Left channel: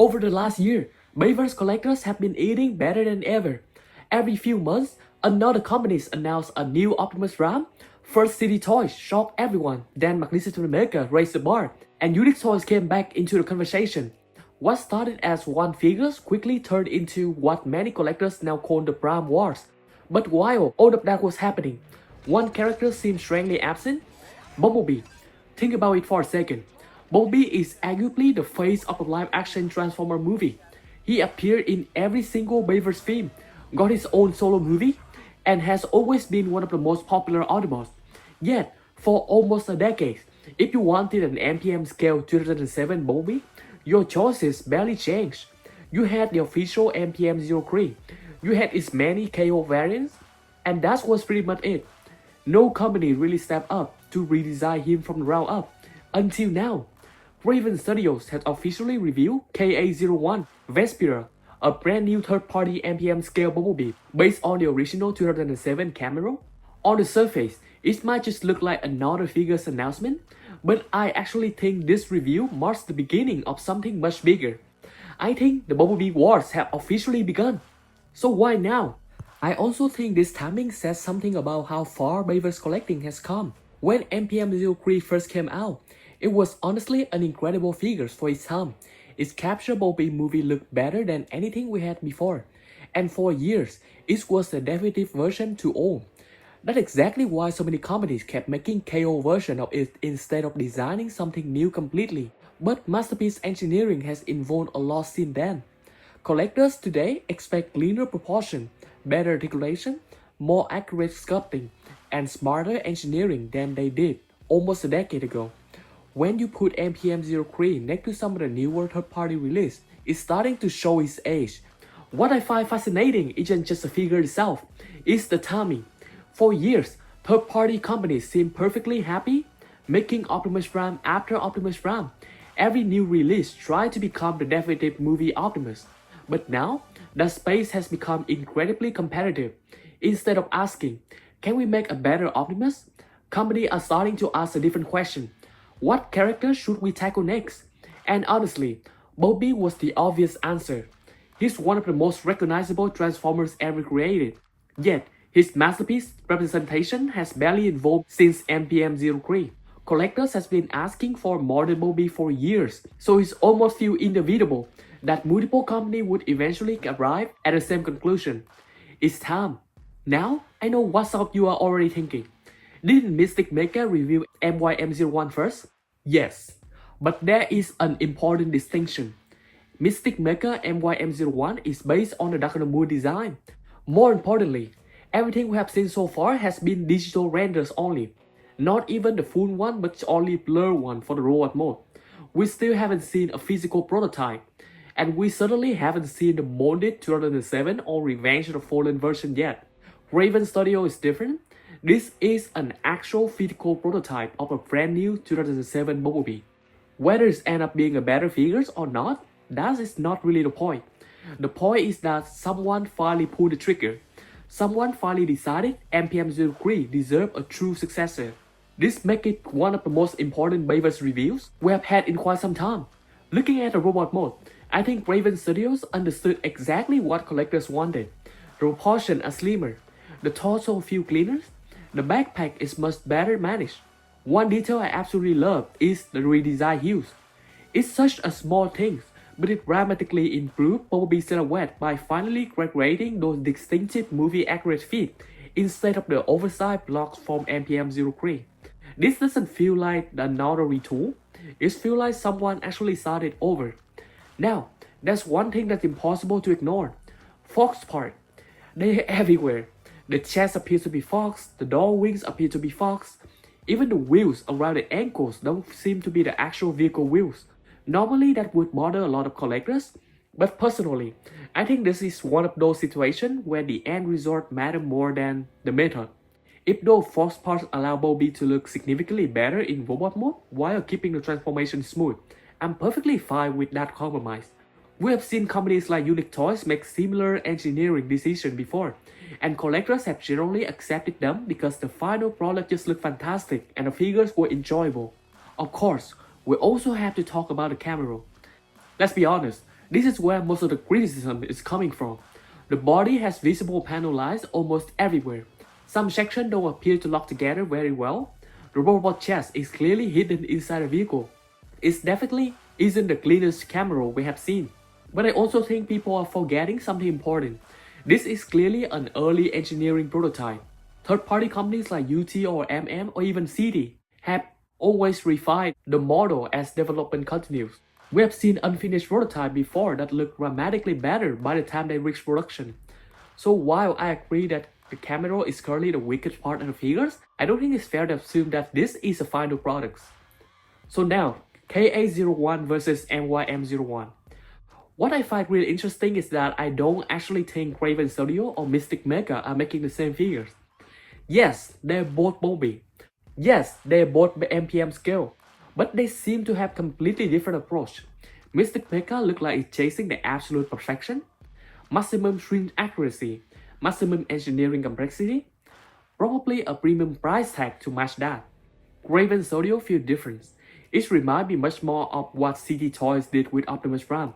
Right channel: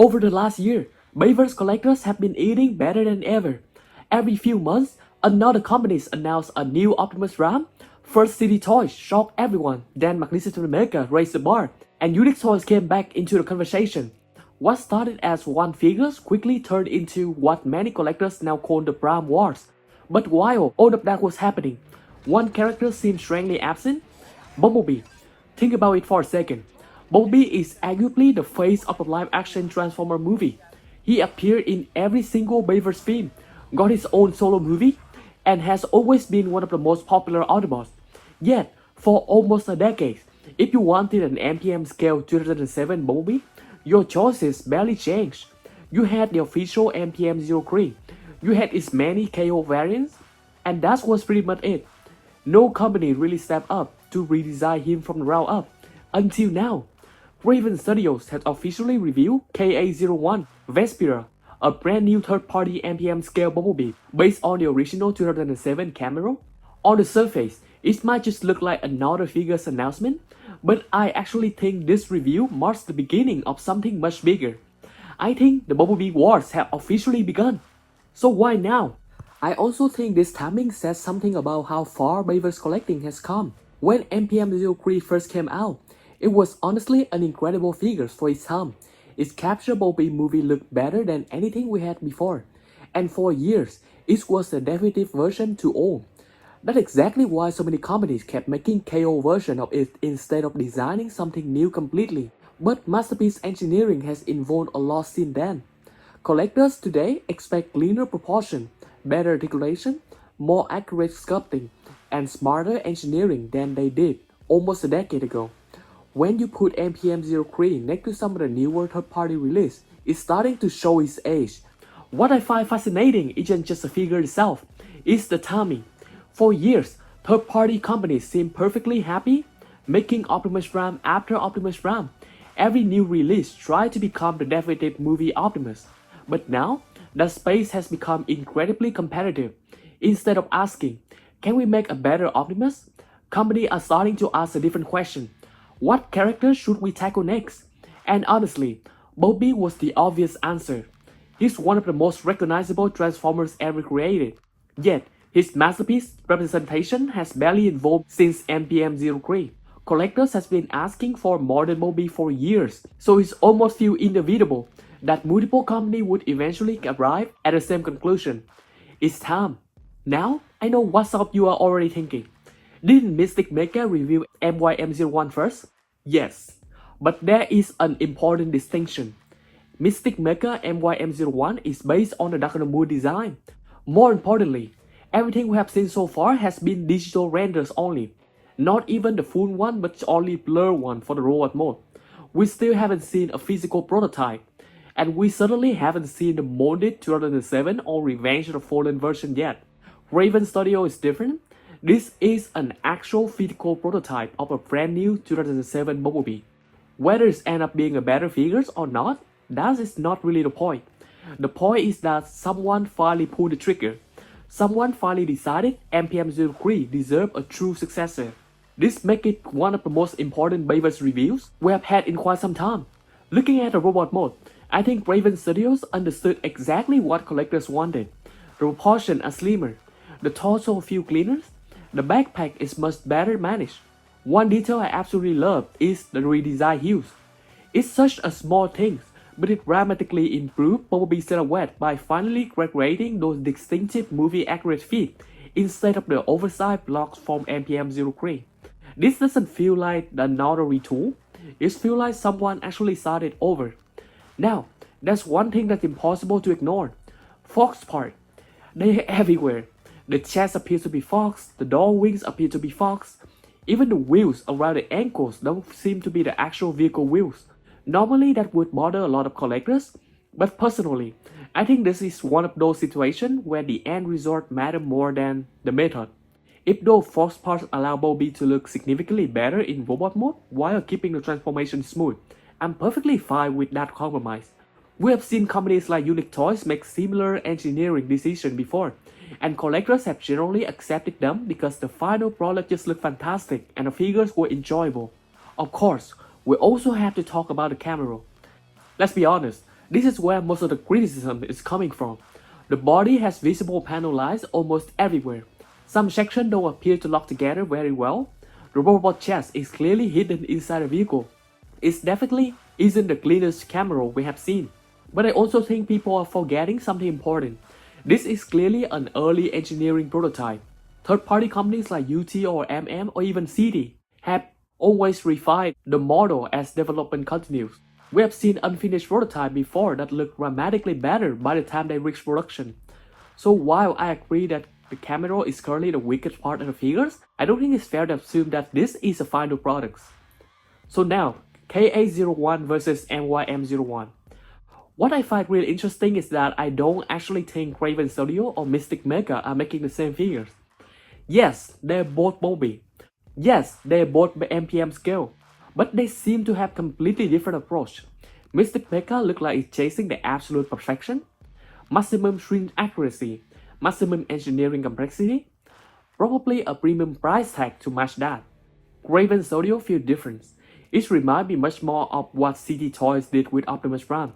Over the last year, Bayverse collectors have been eating better than ever. Every few months, another company announces a new Optimus Prime. First City Toys shocked everyone, then Mystic Mecha raised the bar, and unique toys came back into the conversation. What started as one figures quickly turned into what many collectors now call the Prime Wars. But while all of that was happening, one character seemed strangely absent: Bumblebee. Think about it for a second. Bumblebee is arguably the face of a live-action Transformer movie. He appeared in every single Bayverse film, got his own solo movie, and has always been one of the most popular Autobots. Yet, for almost a decade, if you wanted an MPM-scale 2007 Bumblebee, your choices barely changed. You had the official MPM-03, you had its many KO variants, and that was pretty much it. No company really stepped up to redesign him from the ground up, until now. Kraven Studios has officially revealed KA01 Vespira, a brand new third-party MPM-scale Bumblebee based on the original 2007 camera. On the surface, it might just look like another figure's announcement, but I actually think this review marks the beginning of something much bigger. I think the Bumblebee Wars have officially begun. So why now? I also think this timing says something about how far Bayverse collecting has come. When MPM-03 first came out, it was honestly an incredible figure for its time. Its capture Bumblebee movie looked better than anything we had before, and for years, it was the definitive version to own. That's exactly why so many companies kept making KO version of it instead of designing something new completely. But masterpiece engineering has evolved a lot since then. Collectors today expect cleaner proportion, better articulation, more accurate sculpting, and smarter engineering than they did almost a decade ago. When you put MPM-03 next to some of the newer third-party release, it's starting to show its age. What I find fascinating isn't just the figure itself, it's the timing. For years, third-party companies seem perfectly happy making Optimus Prime after Optimus Prime. Every new release tried to become the definitive movie Optimus. But now, the space has become incredibly competitive. Instead of asking, can we make a better Optimus? Companies are starting to ask a different question. What character should we tackle next? And honestly, Bumblebee was the obvious answer. He's one of the most recognizable Transformers ever created. Yet, his masterpiece representation has barely evolved since MPM-03. Collectors has been asking for more than Bumblebee for years, so it's almost feel inevitable that multiple companies would eventually arrive at the same conclusion. It's time. Now, I know what some of you are already thinking. Didn't Mystic Mecha review MYM-01 first? Yes, but there is an important distinction. Mystic Mecha MYM-01 is based on the Dark of the Moon design. More importantly, everything we have seen so far has been digital renders only. Not even the full one, but only blur one for the robot mode. We still haven't seen a physical prototype. And we certainly haven't seen the molded 2007 or Revenge of the Fallen version yet. Kraven Studios is different. This is an actual physical prototype of a brand new 2007 Bumblebee. Whether it ends up being a better figure or not, that is not really the point. The point is that someone finally pulled the trigger. Someone finally decided MPM-03 deserved a true successor. This makes it one of the most important Bayverse reviews we have had in quite some time. Looking at the robot mode, I think Kraven Studios understood exactly what collectors wanted. The proportions are slimmer, the torso feels cleaner, the backpack is much better managed. One detail I absolutely love is the redesigned hues. It's such a small thing, but it dramatically improved Bumblebee's silhouette by finally recreating those distinctive movie-accurate feet instead of the oversized blocks from MPM-03. This doesn't feel like another retool, it feels like someone actually started over. Now, there's one thing that's impossible to ignore. Fox part. They're everywhere. The chest appears to be Fox, the door wings appear to be Fox. Even the wheels around the ankles don't seem to be the actual vehicle wheels. Normally that would bother a lot of collectors, but personally, I think this is one of those situations where the end result matters more than the method. If those Fox parts allow Bumblebee to look significantly better in robot mode while keeping the transformation smooth, I'm perfectly fine with that compromise. We have seen companies like Unique Toys make similar engineering decisions before, and collectors have generally accepted them because the final product just looked fantastic and the figures were enjoyable. Of course, we also have to talk about the camera. Let's be honest, This is where most of the criticism is coming from. The body has visible panel lines almost everywhere. Some sections don't appear to lock together very well. The robot chest is clearly hidden inside the vehicle. It definitely isn't the cleanest camera we have seen. But I also think people are forgetting something important. This is clearly an early engineering prototype. Third-party companies like UT or MM or even CD have always refined the model as development continues. We have seen unfinished prototypes before that look dramatically better by the time they reach production. So while I agree that the camera is currently the weakest part of the figures, I don't think it's fair to assume that this is the final product. So now, KA01 versus MYM-01. What I find really interesting is that I don't actually think Kraven Studio or Mystic Mecha are making the same figures. Yes, they're both Bumblebee. Yes, they're both MPM-scale. But they seem to have completely different approach. Mystic Mecha looks like it's chasing the absolute perfection, maximum shrink accuracy, maximum engineering complexity, probably a premium price tag to match that. Kraven Studio feels different. It reminds me much more of what CD Toys did with Optimus Prime.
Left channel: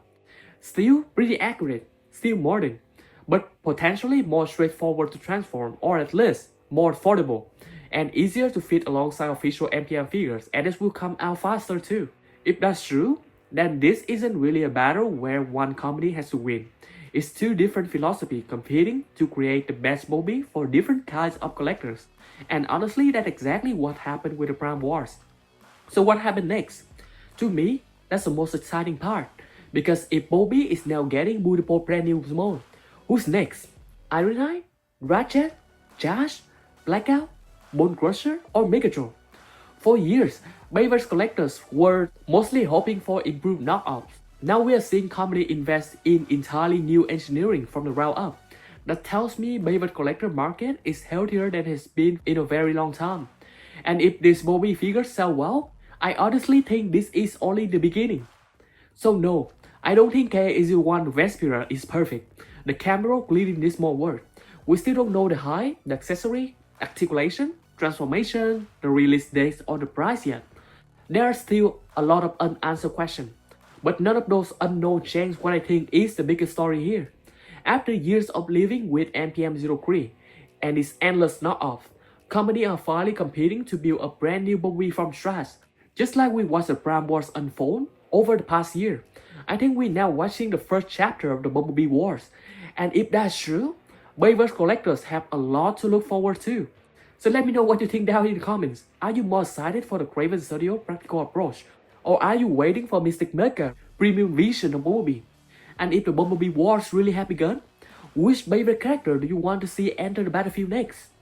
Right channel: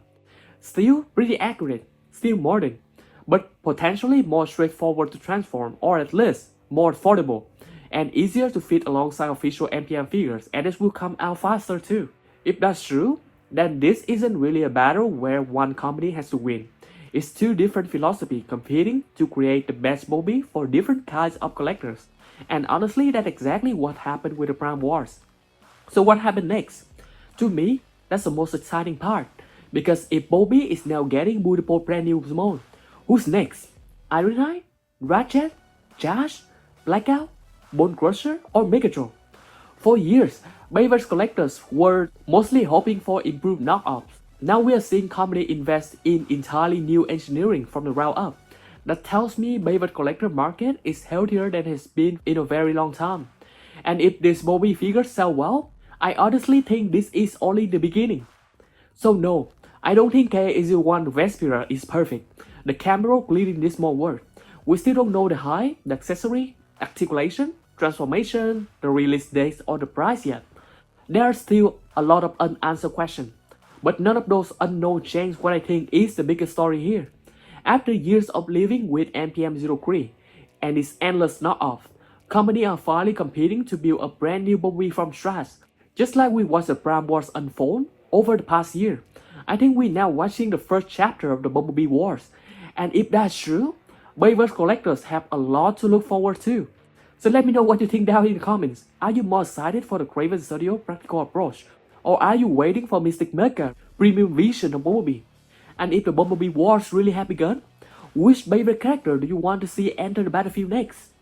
Still pretty accurate, still modern, but potentially more straightforward to transform, or at least more affordable, and easier to fit alongside official MPM figures, and this will come out faster too. If that's true, then this isn't really a battle where one company has to win. It's two different philosophies competing to create the best Bumblebee for different kinds of collectors. And honestly, that's exactly what happened with the Prime Wars. So what happened next? To me, that's the most exciting part. Because if Bumblebee is now getting multiple brand new modes, who's next? Ironhide? Ratchet? Josh? Blackout? Bone Crusher? Or Megatron? For years, Bayverse collectors were mostly hoping for improved knockoffs. Now we are seeing companies invest in entirely new engineering from the ground up. That tells me Bayverse collector market is healthier than it has been in a very long time. And if these Bumblebee figures sell well, I honestly think this is only the beginning. So no, I don't think KA01 Vespira is perfect. The camera clearly needs more work. We still don't know the height, the accessory, articulation, transformation, the release dates, or the price yet. There are still a lot of unanswered questions. But none of those unknown change what I think is the biggest story here. After years of living with MPM-03 and its endless knockoff, companies are finally competing to build a brand new Bumblebee from scratch. Just like we watched the Prime Wars unfold over the past year, I think we're now watching the first chapter of the Bumblebee Wars. And if that's true, Bayverse collectors have a lot to look forward to. So let me know what you think down in the comments. Are you more excited for the Kraven Studio practical approach? Or are you waiting for Mystic Mecha premium vision of Bumblebee? And if the Bumblebee Wars really have begun, which Bayverse character do you want to see enter the battlefield next?